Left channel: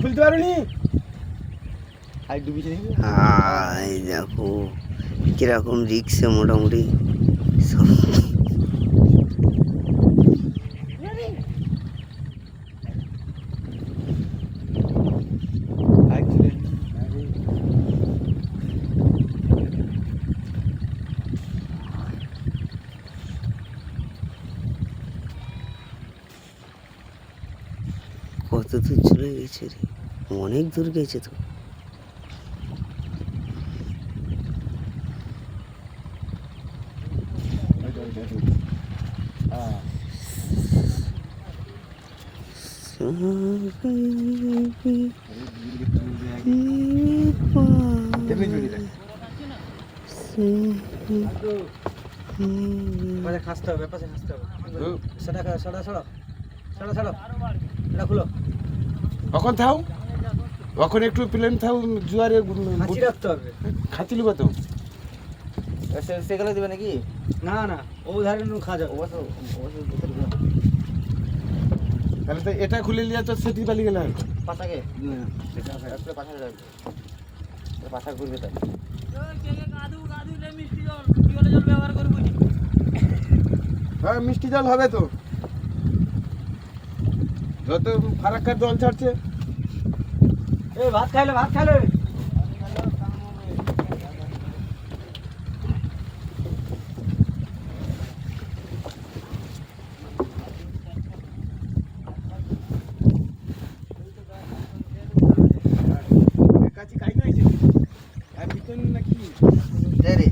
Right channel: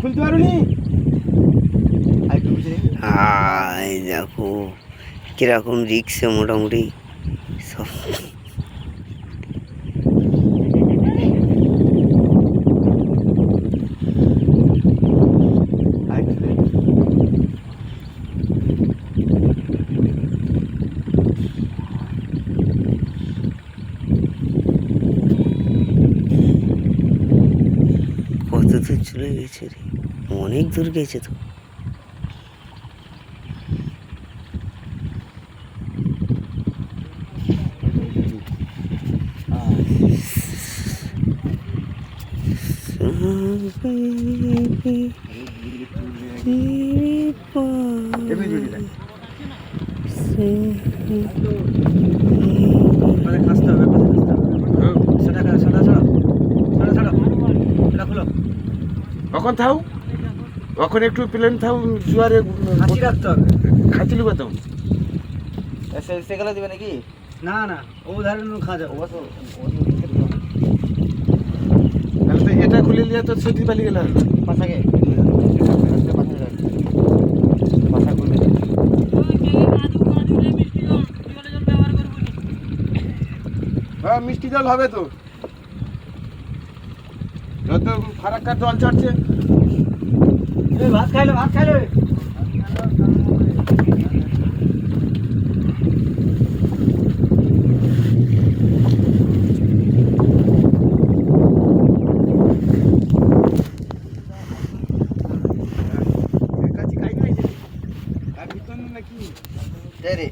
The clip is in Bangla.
খুলতে পারোনি? দেখো কিরকম রিক্সে মোটামুটি সব। কত দূর চলে গেছে রে, অনেক দূর গেছে তো। কখন থাও, কখন একটু প্লেন থাও, জোয়ারে খাঁচি রাখতে হবে। খাঁচি লিব তো। সেগুলো দেবে নাকি? না না, ও ধারে খাওয়া যাবে। তাহলে তো এটা খুলে নিয়ে তো সেটি পালি গেল পাশাকে পাশা খুলবে। হ্যাঁ মিষ্টি জল হবে তো, যত ফারাক্কার জল ছাড়ছে। ভাত খাইলে ভাত খাইলে কাছি খাই নাই যে আর ভিতর নাকি রে